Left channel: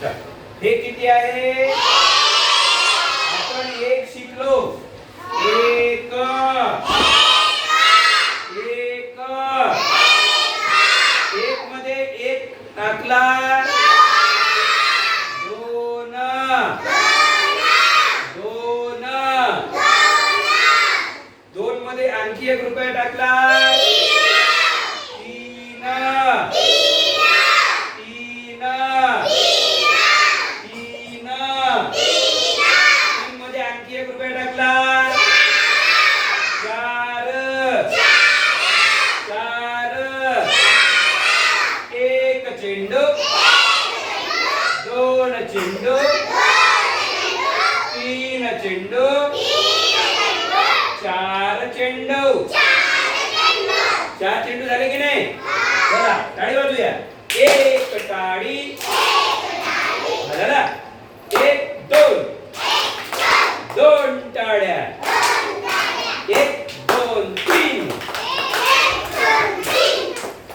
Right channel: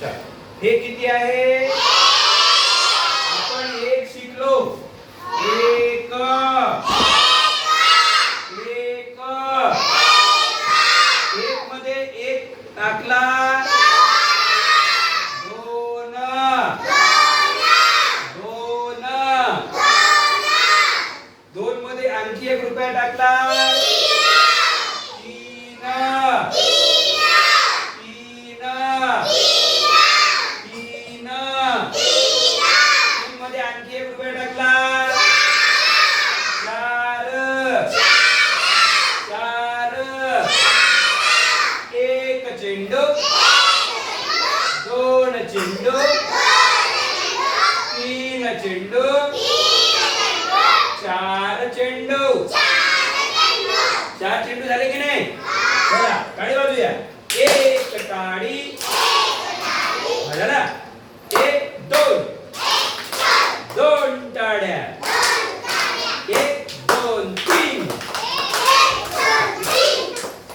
चल. हे किती आहे आपण एक शिकलो एक एक एक मध्ये एक टाकला दोन दोन दोन मध्ये आणखी एक रुपया टाकला तीन तीन तीन तीन मध्ये आणखी एक रुपया टाकला चार चार एक चेंडू दोन चेंडू तीन चेंडू चार चेंडू चार चेंडू झाले की नाही चला टाळी वाजूया एक टाळी हा, झाला एक दोन दोन टाळ्या एक दोन तीन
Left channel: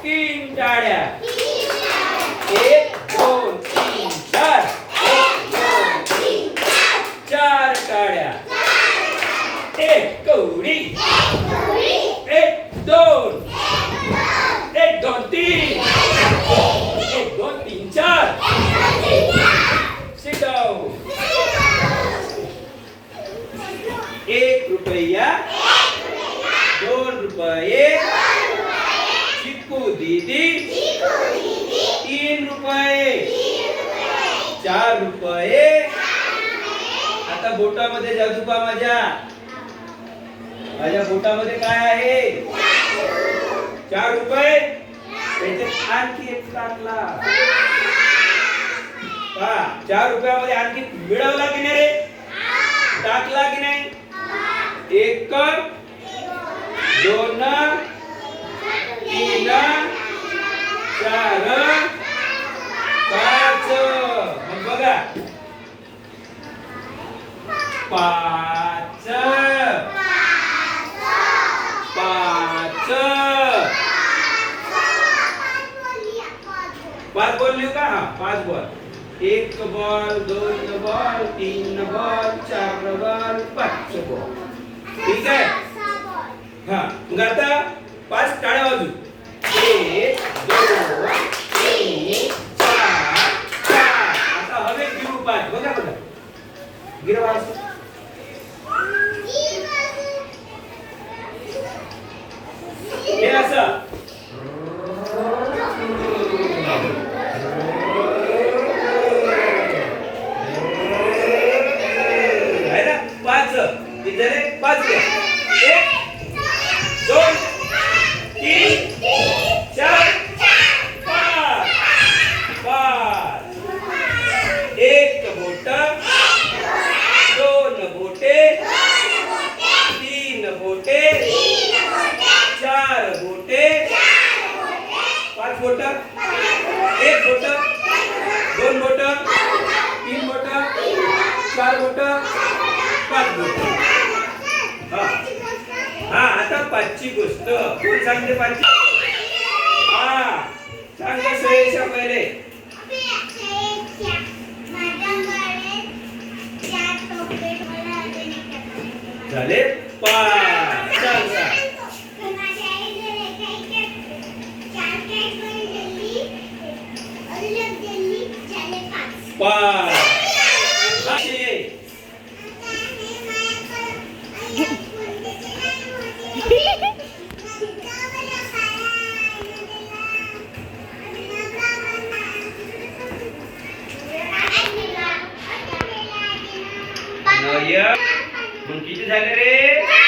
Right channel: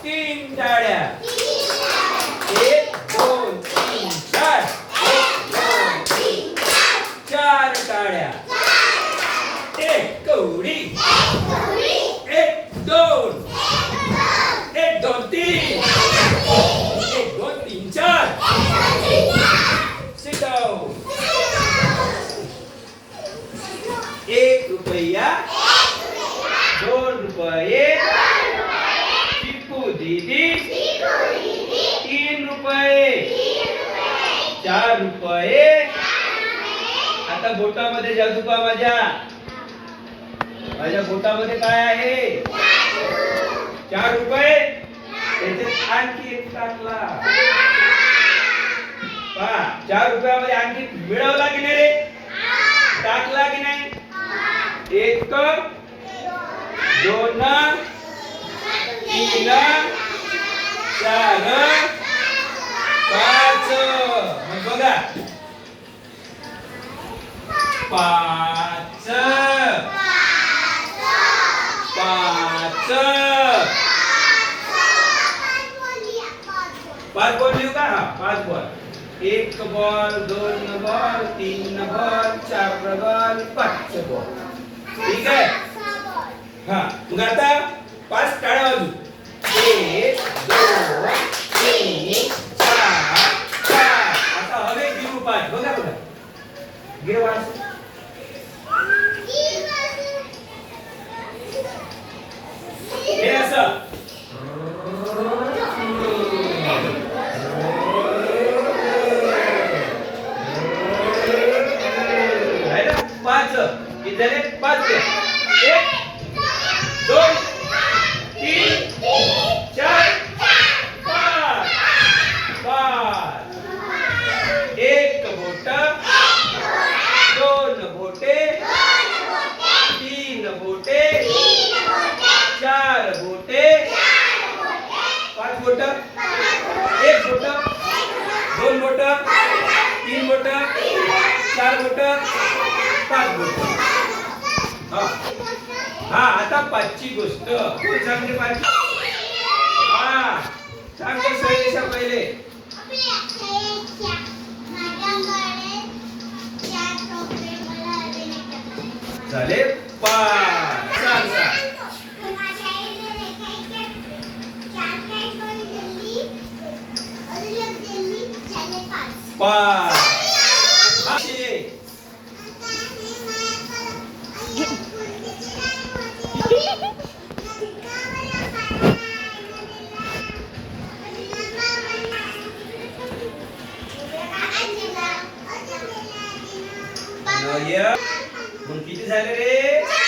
तीन टाळ्या एक दोन तीन चार एक दोन तीन चार टाळ्या एक कवडी एक दोन एक दोन तीन एक दोन तीन चार Sit एक रुपया दोन रुपये चिकू दीदी तीन रुपये चार रुपये. आता बोटामध्ये जादूपा माझ्या. माझ्या बोटामध्ये काय आहे? चार रुपये? त्याच्यात आणखी एक टाकला पहा चार रुपयामध्ये आणखी मिळवला की नाही रे? टाकला की नाही? एक दोन तीन चार पाच. बघा. पाच पाच बॉल लिहू का? हा पाच बॉल. एक बॉल दोन बॉल तीन बॉल चार बॉल पाच बॉल. ठीक आहे? हा मग आता पाच टाळ्या बाजू एक दोन तीन चार चार आता हवे गिरू पाच. बघा बघा. गिरवाज हे असं. पाच. पाच. एक दोन तीन चार पाच पाच एक बोट दोन बोटे तीन बोटे चार बोटे पाच बोट एक बोट दोन बोट तीन बोट चार बोट पाच बोट हा. हा आता पाचची गोष्ट. कोण सांगते पाचची? हा सांगते सयशा पहिले. झाले? पाच. सांग सांग. पाच. मग किती झाले रे?